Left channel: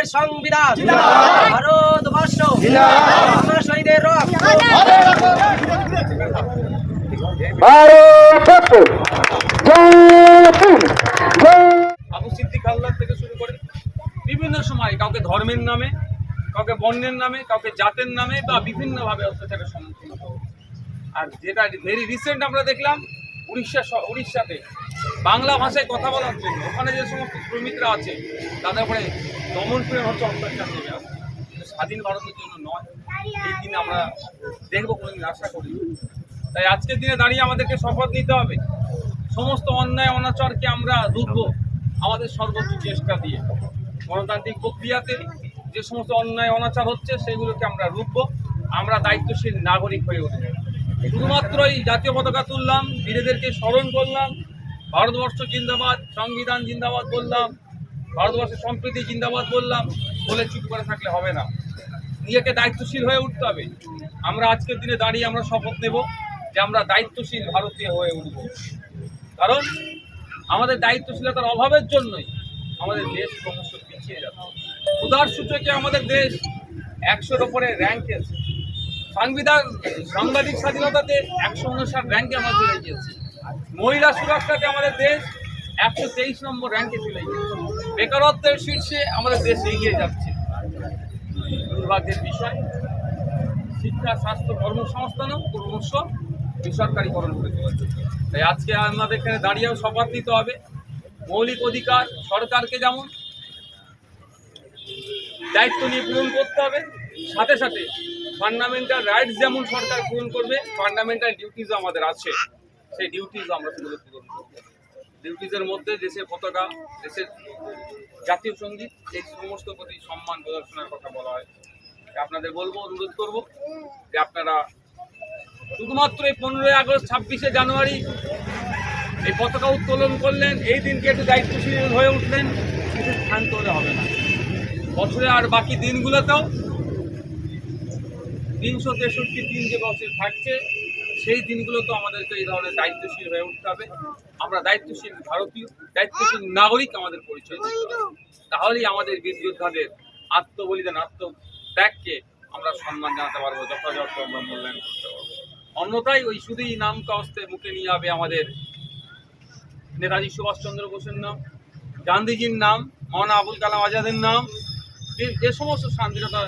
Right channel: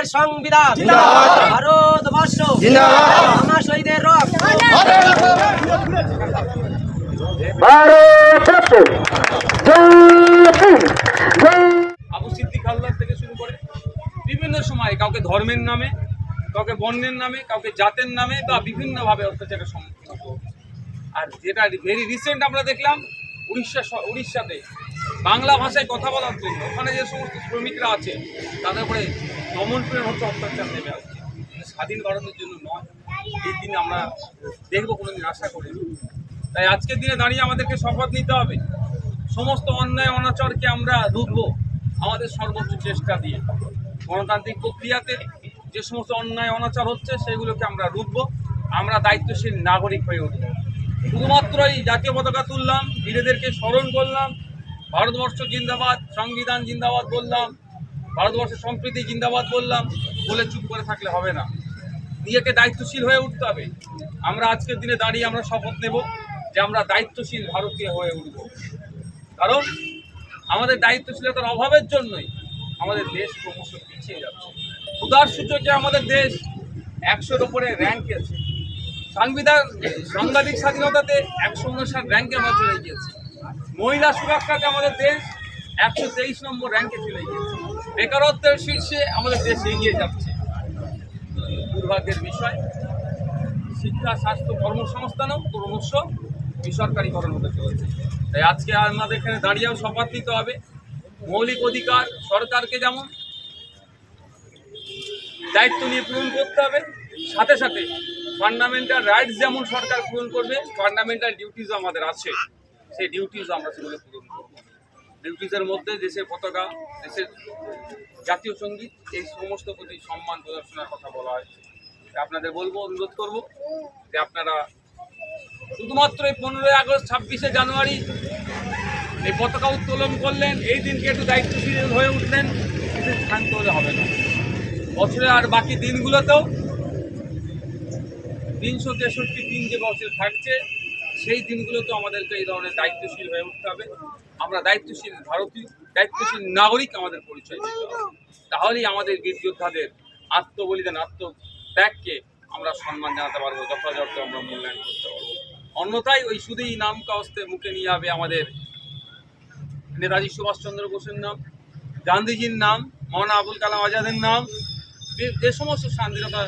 ভারতের সংবিধান। ভারতবর্ষ। আমার শহীদের রক্ত আবু সিদ্দিক হালদার থেকে শুরু করে বিভিন্ন সময় কাউকে ধর্মের নামে কাউকে বর্ণের নামে কাউকে জাতের নামে বা বিভিন্নভাবে অত্যাচারের সম্মুখীন হতে আর যেটা ভেরি রিসেন্ট আমরা দেখলাম উড়িষ্যা উড়িষ্যাতে। বাংলা ভাষায় কথা বলার জন্য ওখানে যে সমস্ত শ্রমিকরা আছে, তাদের উপরে দমন পীড়ন হচ্ছে, অত্যাচার নেমে আসছে। স্বাধীন ভারতের জন্য নয়। এই দিন আমরা দেখব, কোনোদিন আশা করি তাই আজকের দিনে দাঁড়িয়ে আমাদেরকে শপথ নিতে হবে। সমস্ত অন্যায়, অনাচারকে আমরা রুখবো আমাদের সর্বোচ্চ চেষ্টা দিয়ে। গণতান্ত্রিক প্রক্রিয়াতে যে সমস্ত অন্যায়, অনাচার হচ্ছে, সেগুলোকে আমরা রুখবো। আমরা দায়িত্বশীল নাগরিক হয়ে উঠবো। শুধুমাত্রই জাতীয় পতাকা তুললাম, বীরেদেরকে স্মরণ করলাম, ভারতবর্ষ জিন্দাবাদ, সংবিধান জিন্দাবাদ বললাম, ভারতবর্ষের সম্প্রীতি জিন্দাবাদ বললাম, বলে চুপ করে থাকলে হবে না। নিজেকে দায়িত্বশীল হয়ে উঠতে হবে। আমরা আজকের দিনে দাঁড়িয়ে আমরা শপথ নেব যে আমরা দায়িত্বশীল ভারতীয় হয়ে উঠব। কারণ আমাদের দায়িত্বশীলতার অভাবের জন্যই আমাদের দেশ ক্রমশ পিছিয়ে যাচ্ছে। উদার সূচকে আমাদের দেশ একশোর ওপরে র্যাঙ্কে সাংবিধান, সাংবাদিক স্বাধীনতাতে একশো উনষাট র্যাঙ্কে আমরা চলে গিয়েছি। মহিলা সুরক্ষাতে আমাদের দেশ একশো তেইশ নম্বর র্যাঙ্কে চলে গিয়েছে। বেকারত্বের শীর্ষে আমাদের দেশ এগিয়ে যাচ্ছে। দুর্ভাগ্যের বিষয়, শিক্ষা, স্বাস্থ্য, কর্মসংস্থানও ক্রমশ বেসরকারীকরণ হতে চলেছে। তাই আজকে আমাদের এখানে দাঁড়িয়েও শপথ নিতে হবে। মৌলিক অধিকার সরকারকে যেমন দায়িত্ব নিয়ে পূরণ করতে হবে, সাথে সাথে ফান্ডামেন্টাল রাইটস যেমন সরকার পূরণ করবে ফান্ডামেন্টাল ডিউটিজও আমাদের আছে। সেই ডিউটিজও আমরা সেগুলো পূরণ করব। ডিউটিজের মধ্যে দেশের পতাকা, দেশের জাতীয় সংগীত, এই সমস্ত প্রতি সম্মান প্রদর্শনের কথা বলা হয়। আপনাদের বলব, অনুরোধ করব যে আপনারা শুধুমাত্র এই পনেরোই আগস্ট, ছাব্বিশে জানুয়ারি এই পতাকা উত্তোলন করলেন, এই দিনকে একটু দায়িত্বশীল হয়ে উঠলেন, এতে ক্ষান্ত হলে হবে না। বছরে আর বাকি দিনগুলোতেও তিনশো তেষট্টি দিন যে বছর থাকছে, সেই দিনগুলোতেও আমাদেরকে এই ধরনের দায়িত্বশীল হয়ে উঠতে হবে। আমরা দায়িত্বশীল ভারতীয়, দায়িত্বশীল নাগরিক আমাদের পরিচয় দিতে হবে। তাহলেই আমাদের বীর যোদ্ধাদের আত্মবলিদান, আত্মত্যাগকে আমরা সম্মান জানাতে পারব, যথাযথ আমরা মূল্যায়ন করতে পারব। অন্যথায় ওই শুধুই নাম কাস্তে মুখে নিয়ে যাবে আমাদের নেতাজি সুভাষচন্দ্র বোসের নাম, গান্ধীজির নাম, মৌলানা আবুল কালাম আজাদের নাম যে সমস্ত স্বাধীনতা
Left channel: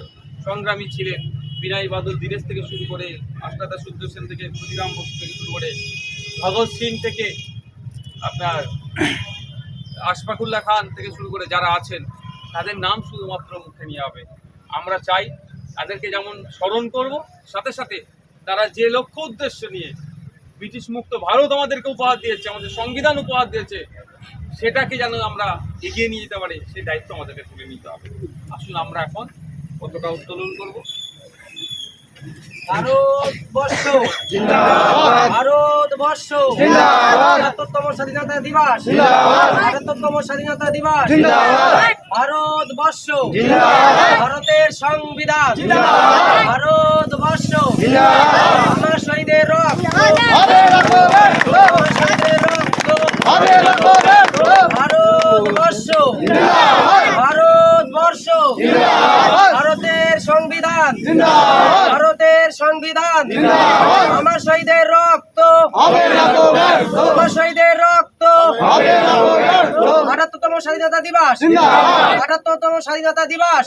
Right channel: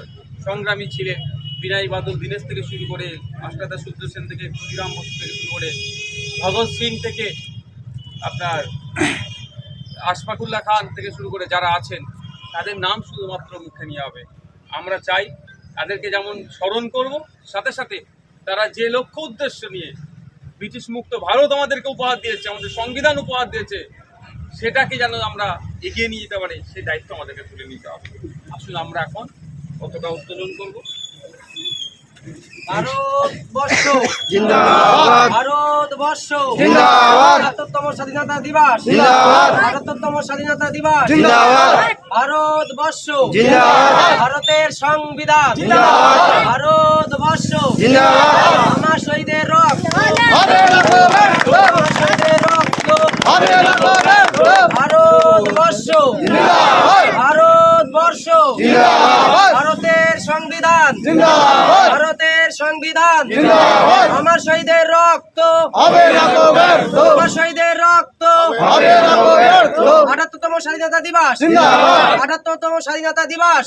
সংগ্রামী ছিলেন বিনয় বাদল দীনেশ থেকে শুরু করে আষ্টাদা সূর্য সেন থেকে ক্ষুদিরাম বসু থেকে শুরু করে ভগৎ সিং থেকে আপনার আশফাকুল্লাহ খান থেকে শুরু করে যারা আছেন, তাদের নাম শুধুমাত্র মুখে নিয়ে হবে। আমরা চাই তাদেরকে যেমন স্মরণ করব, সাথে সাথে তারা যে লক্ষ্য উদ্দেশ্য নিয়ে ব্রিটিশ মুক্ত ভারত আমাদেরকে উপহার দিয়েছে, আমাদের সংবিধান উপহার দিয়েছে, সেটাকে যেন আমরা এগিয়ে নিয়ে যেতে পারি, সেই দায়িত্ব আমাদেরকে তুলে নিতে হবে। আসুন আমরা এখন কতটা উত্তোলন করব। ভারতবর্ষ। ভারতবর্ষ। একাত্তরতম স্বাধীনতা দিবস। একাত্তরতম স্বাধীনতা দিবস। ভারতবর্ষ। ভারতের সংবিধান। ভারতবর্ষ। আমার শহীদের রক্ত আমার শহীদের রক্ত ভারতবর্ষ। ভারতবর্ষ। ভারতের সংবিধান। সংবিধান। আমার শহীদের রক্ত। আমার শহীদের রক্ত। আটাত্তরতম স্বাধীনতা দিবস। আটাত্তরতম স্বাধীনতা দিবস।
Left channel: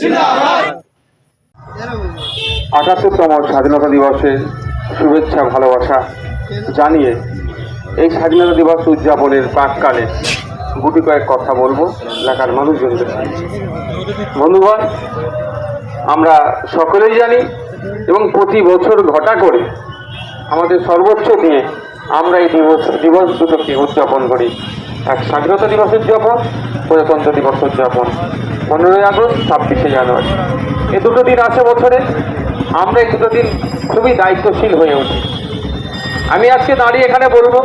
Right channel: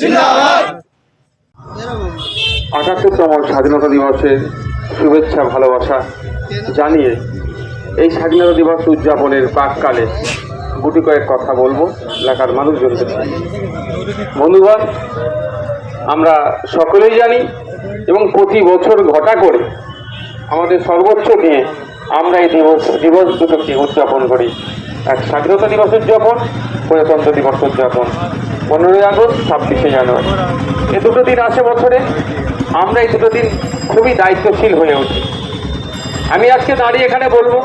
আটাত্তরতম স্বাধীনতা দিবসের শুভেচ্ছা ভালোবাসা জানিয়ে এই স্বাধীনতা দিবস উদযাপনের প্রাককালে গুটি কয়েক কথা বলব এলাকার মানুষজনদের সঙ্গে বন্ধুগণ আমরা সকলেই জানি এবং প্রতি বছর ঘটা করে আমাদের সর্বোচ্চ দিয়ে আমরা এই দিবস দিবস দুটোকে উদযাপন করি। এক স্বাধীনতা দিবস উদযাপন প্রজাতন্ত্র দিবস উদযাপন। পনেরোই আগস্ট, ছাব্বিশে জানুয়ারি। এ দুটো দিন আসে বছরে। আমরা এই দুটো দিন খুবই দায়িত্বশীল হয়ে উঠি। আমি আজকে দাঁড়িয়ে এখানে বলব,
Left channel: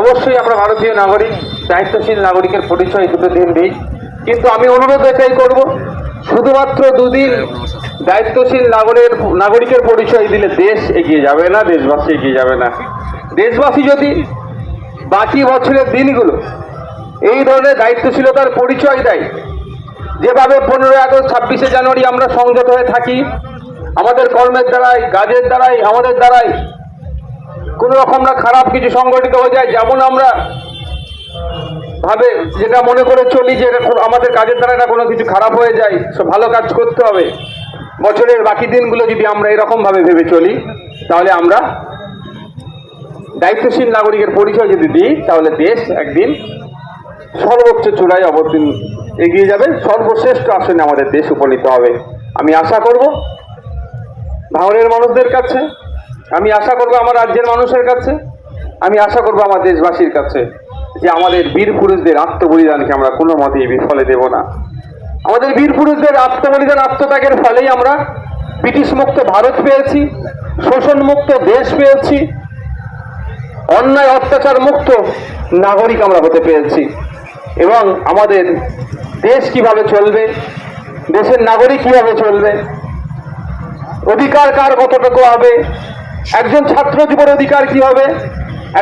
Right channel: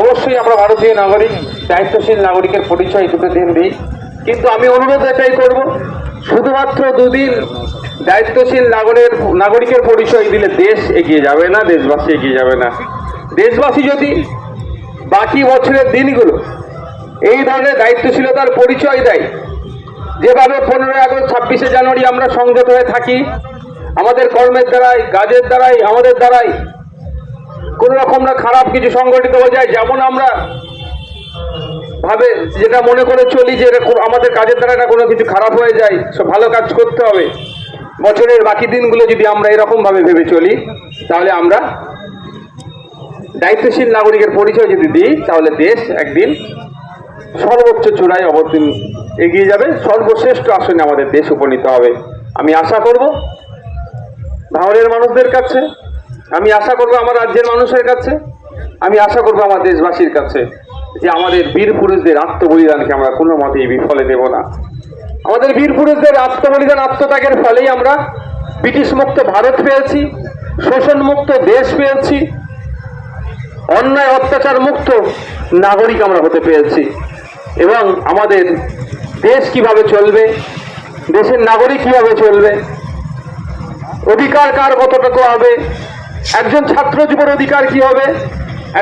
অবশ্যই আমরা ভারতীয় নাগরিক, দায়িত্বশীল নাগরিকের পরিচয় দুটো দিন দিই। কিন্তু আমি অনুরোধ এটাই করব, শুধুমাত্র দুদিন দায়িত্বশীল নাগরের, নাগরিকের পরিচয় দিলে দেশ এগিয়ে যাবে না, দেশবাসী এগিয়ে যাবে না। দেশবাসী যদি বাকি বছরের দিনগুলো এই ধরনের দায়িত্বশীলতার পরিচয় দেয়, যেভাবে পনেরোই আগস্ট, ছাব্বিশে জানুয়ারি আমরা সংযত হয়ে থাকি, আমাদের কর্মের দ্বারাই কাজের দ্বারাই আমাদের দ্বারাই কোনো রকম না খারাপ কিছু সংগঠিত হয়ে যায়, যেমন আমরা ভাবে যেটা মনে করে চলি যে আমাদের কাজের দ্বারা না কোনো কিছু খারাপ হয়ে যায় সব ভালো কাজ করতে হবে। বছরের বাকি দিনগুলো যদি আমরা এরকম ভাবে ভেবে চলি, তাহলে আমরা দায়িত্বশীল নাগরিকের পরিচয় যদি দিই, তাহলে দেশ একদিন সর্বোচ্চ চূড়ায় অবতীর্ণ এগিয়ে যাবে। সর্বশ্রেষ্ঠ আসনে আমাদের দেশ উপনীত হবে। আমি আশা করব ভাঙড়ের মানুষদের কাছে, আমি আশা করব আমার রাজ্যের মানুষের কাছে, আমি আশা করব আমার দেশবাসীর কাছে যে আমাদের বীর পুরুষদের আত্মবলিদানকে আমরা কোনো মতেই বিফলে দেব না। আমাদের বীর পুরুষদের আত্মবলিদান, আত্মত্যাগের ফলেই আমরা ব্রিটিশ মুক্ত ভারত পেয়েছি শোষণ মুক্ত দেশ পেয়েছি, অন্যায়, অত্যাচার মুক্ত নাগরিক আমরা হতে পেরেছি। এবং আমাদের দেশ কীভাবে চলবে, দেশের নাগরিক কীভাবে চলবে, অধিকার কার কতটুকু হবে, একজন ছাত্র জীবন অধিকার কি হবে,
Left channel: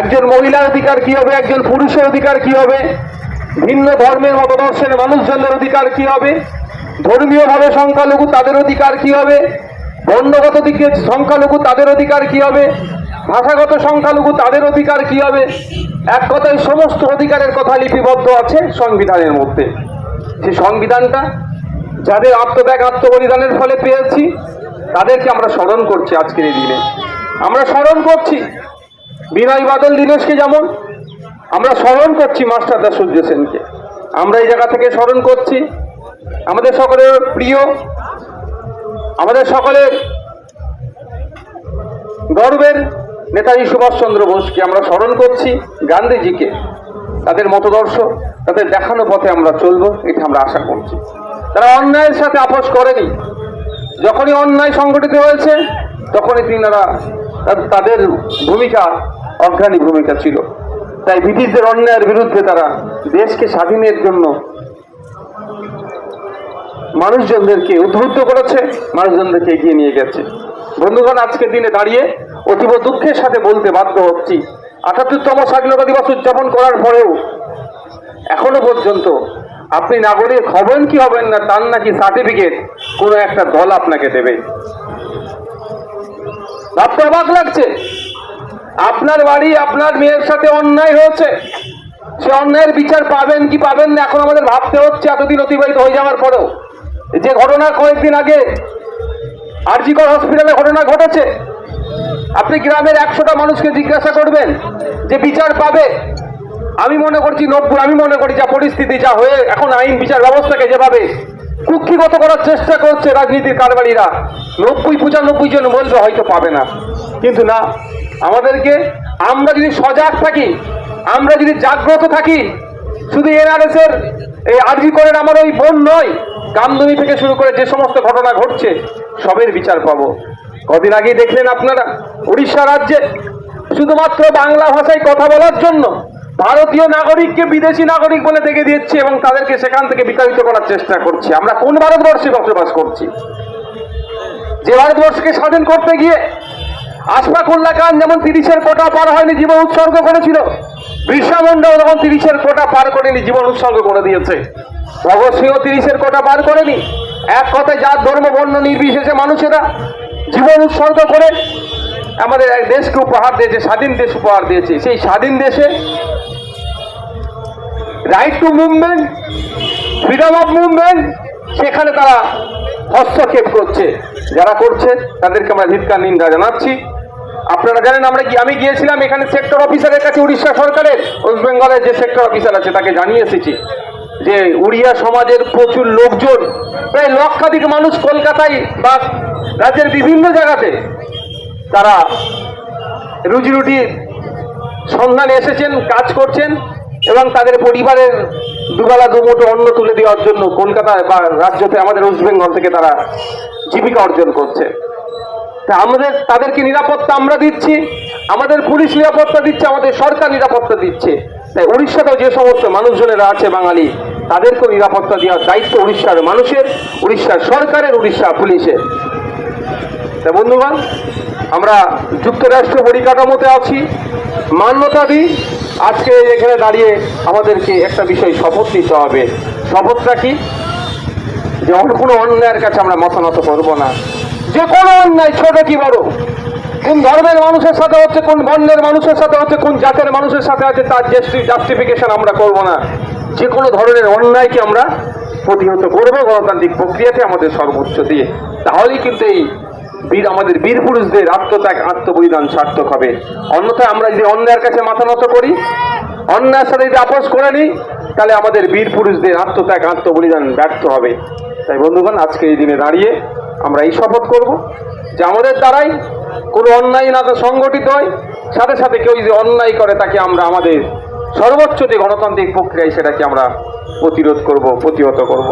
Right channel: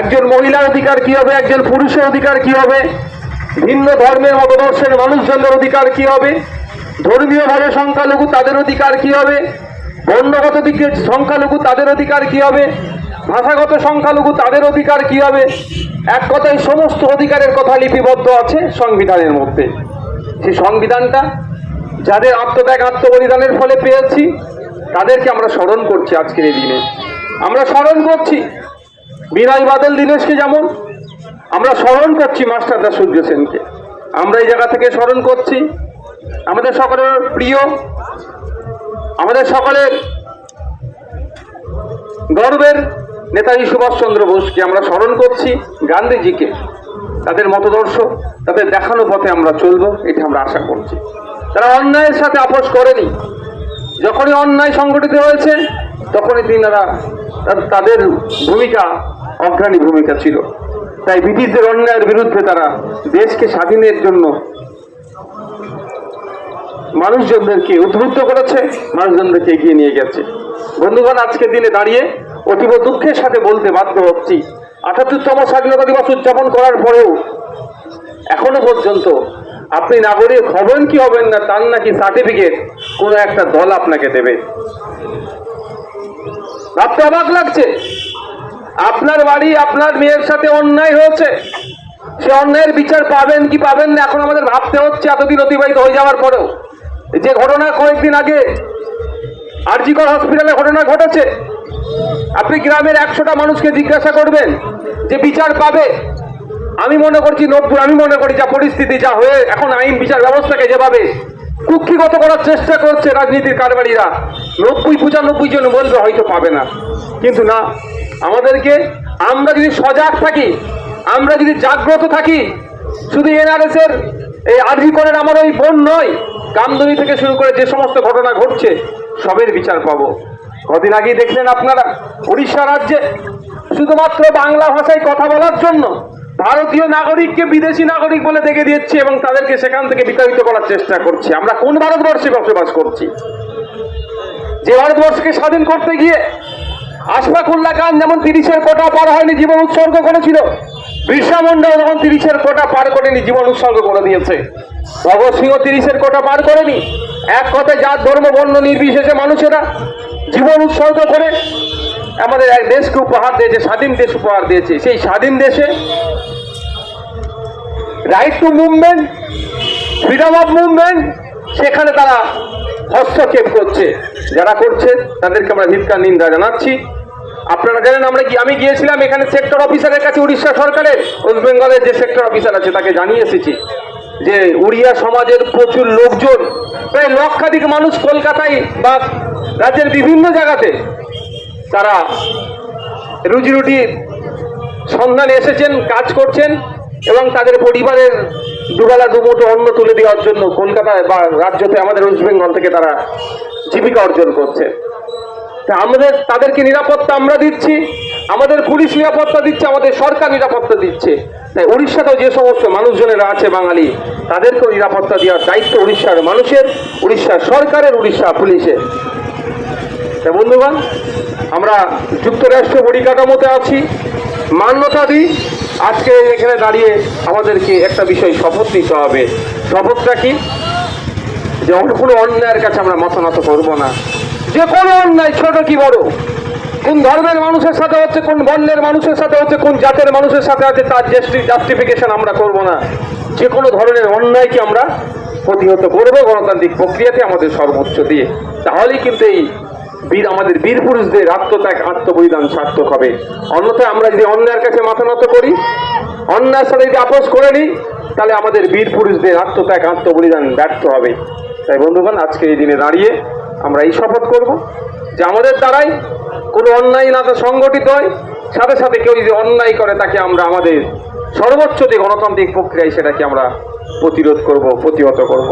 একজন মহিলার অধিকার কি হবে, একজন পুরুষের অধিকার কি হবে ভিন্ন ধর্মের মতদর্শের মানুষজনদের অধিকার কি হবে? ধর্মীয়ভাবে সংখ্যালঘু তাদের অধিকার কি হবে? বর্ণগত দিকে সংখ্যালঘু তাদের অধিকার কি হবে? ভাষাগত সংখ্যালঘু তাদের অধিকার কি হবে? এক কথায় সমস্ত অধিকারের কথা লিপিবদ্ধ আছে সংবিধানের মধ্যে। সেই সংবিধানটা যাদের আত্মত্যাগ, আত্মবলিদানের ফলে পেয়েছি, তাদেরকে আমরা স্মরণ করছি আজকের এই দিনে। আমরা স্মরণ করছি। বিনয় বাদল, দীনেশকে যেমন আমরা স্মরণ করছি মাস্টারদা সূর্য সেনকে। আমরা এই জায়গা থেকে স্মরণ করছি। আমাদের সকলের প্রিয়, আমাদের সকলের গর্বের নেতাজি সুভাষচন্দ্র বোসকে আমরা স্মরণ করছি, গান্ধীজিকে। তাদের মতদর্শ, তাদের দেখানো পথে আমরা চলবো, এটা আমরা আশা করছি। তারা অন্যায়ের সাথে আপোষ করেনি। যখনই অন্যায় সংগঠিত হয়েছে, তখনই তিনারা তাদের ভূমিকা, অগ্রণী ভূমিকা ছিল। তাই ব্রিটিশদের অন্যায়ের বিরুদ্ধে তারা দেশকে স্বাধীনের জন্য মানুষজনদেরকে উদ্বুদ্ধ করেছে, মানুষজনদেরকে এগিয়ে নিয়ে গেছে। বন্ধুগণ, আজকের দিনে দাঁড়িয়ে অতীব দুঃখের সাথে বলতে বাধ্য হচ্ছি। আটাত্তরতম স্বাধীনতা দিবস উদযাপন করার পরেও এখনও পর্যন্ত আপনি নাগরিক হবেন কি হবেন না, তার নাকি সার্টিফিকেট কোনো একটা দল আপনাকে দেবে। ভাবতে অবাক লাগছে। আপনার বাড়ি, আপনার মেয়ের সাথে অন্যায় হয়েছে। সে অন্যায়ের বিচার পাবেন কি পাবেন না, এখন আমাদের ভাবতে হচ্ছে এতদিন অতিবাহিত হয়ে যাওয়ার পরেও। যে ঘটনা কয়েকদিন আগে আরজিকর হসপিটালে ঘটনা ঘটেছে। আপনি গ্রামের একশোটা মানুষকে জিজ্ঞাসা করবেন যে বিচার পাবে। আমি মনে করছি নব্বই, আমি মনে করি যা পরিস্থিতি, যা হয়ে এখন আইন বিচার ব্যবস্থাকে যেভাবে কুক্ষিগত করার চেষ্টা করছে রাজনীতির কারবারিরা, নব্বই, পঁচানব্বই জন বলবে হয়তো পাবে না। কিন্তু না আমাদেরকে আমরা যদি সজাগ থাকি, আমরা যদি জাগ্রত থাকি, শুধু এনআরএস এর এই আরজি করেন আমার ওই বোন নয়, কামদুনি থেকে শুরু করে যে সমস্ত ঘটনা ঘটছে, সবের বিচার পাবো। কদিন আগেই দেখলেন আপনারা উড়িষ্যা রাজ্যে শুধুমাত্র বাংলা ভাষায় কথা বলার জন্য ভারতীয় নাগরিককে বিদেশি নাগরিক বলে দেখে দিচ্ছি এবং তাদেরকে সেখান থেকে বিতাড়িত করার চেষ্টা করছি। আমরা কোন ভারতবর্ষে বসবাস করছি? যে ভারতবর্ষকে স্বাধীন করতে গিয়ে আশফাকুল্লাহ খান যেমন তিরিশের কোটা পার হয়নি, জীবন উৎসর্গ করেছিল। বিরসা মুন্ডাও যখন তিরিশের কোটা পার করেনি, জীবন উৎসর্গ করে দিয়েছে। ভগৎ সিংহ তিরিশের কোটা পার করেনি। এক কথায় যার ধর্ম, বর্ণ নির্বিশেষে মানুষেরা জীবন উৎসর্গ করে। আমাদের এক দেশকে উপহার দিয়েছে, স্বাধীন দেশ উপহার দিয়েছে। সেই স্বাধীন দেশে right to movement freedom of movement সেখানে তারা হস্তক্ষেপ করছে। যারা করছে, তাদেরকে আমরা ধিক্কার, নিন্দা জানাচ্ছি। আপনারা জানেন আমরা কি আমি গিয়েছিলাম এখানে সেক্টর অফিসারের কাছে উড়িষ্যা সরকারের, ওয়েস্ট বেঙ্গলের যে সেক্টর অফিসার আছে, তাকে জানিয়ে এসেছি যে উড়িয়া সমাজের প্রচুর লোকজন, প্রায় লক্ষাধিক মানুষ কলকাতায় বা রাজ্যের বিভিন্ন জায়গাতে তারা রুজি রুটি সন্ধানে এসেছেন, কাজ করছেন এবং তাদের পরিবারের দুবেলা দুমুঠো অন্ন তুলে দেওয়ার জন্য কলকাতায় বা রাজ্যতে আমাদের ওয়েস্ট বেঙ্গল থেকে তারা জীবিকা অর্জন করছে। তা আমাদের, তাদেরকে নিরাপত্তা আমরা দিচ্ছি, আমাদের পুলিশ নিরাপত্তা দিচ্ছে, আমাদের সরকার নিরাপত্তা দিচ্ছে। তাই উড়িষ্যাতেও যে সমস্ত মানুষজনেরা আছে বাঙালি, তাদেরকেও নিরাপত্তা দেওয়ার দায়িত্ব উড়িষ্যার মানুষের, উড়িষ্যার সরকারের, উড়িষ্যা পুলিশের। তা বন্ধুগণ, আমরা যুক্তরাষ্ট্র পরিকাঠামোতে আছি। মান্যতা দিই, আজকে এখানে দাঁড়িয়ে আমাদেরকে একটা বিষয় শপথ নিতে হবে। শপথটা কি? যেমন কোনো অন্যায়ের কাছে আমরা মাথা নত করব না। যে কোনো অন্যায়, ছোট কি বড়? কোন ধর্মের মানুষের সাথে হচ্ছে, কোন বর্ণের মানুষের সাথে হচ্ছে, কোন জাতের মানুষের সাথে আছে, তার জাস্টিফিকেশন আমরা করব না। যে কোনো ধরনের অন্যায়কে আমরা প্রতিহত করব গণতান্ত্রিক প্রক্রিয়াতে আমাদের সর্বোচ্চ দিয়ে। তাহলেই কিন্তু এই বীর আমাদের বীর পুরুষদের আত্মত্যাগ, আত্মবলিদান সার্থক হবে। অন্যথায় আমরা যদি অন্যায়ের কাছে মাথা নত করি, অন্যায়ের সাথে যদি আপোষ করে নিই, তাহলে আমাদের বীর পুরুষদের আত্মত্যাগ, আত্মবলিদান ব্যর্থ হবে। তাই বন্ধুগণ, আজকে এই দিনে দাঁড়িয়ে আমরা এই শপথ করব যে আমাদের দ্বারাই কোনো অন্যায় না তো সংগঠিত হয়। সাথে সাথে কেউ যদি অন্যায় করে, তাকে আমরা আমাদের সর্বোচ্চ যে গণতান্ত্রিক প্রক্রিয়ায় সেটাকে আমরা প্রতিরোধ করব, প্রতিহত করব।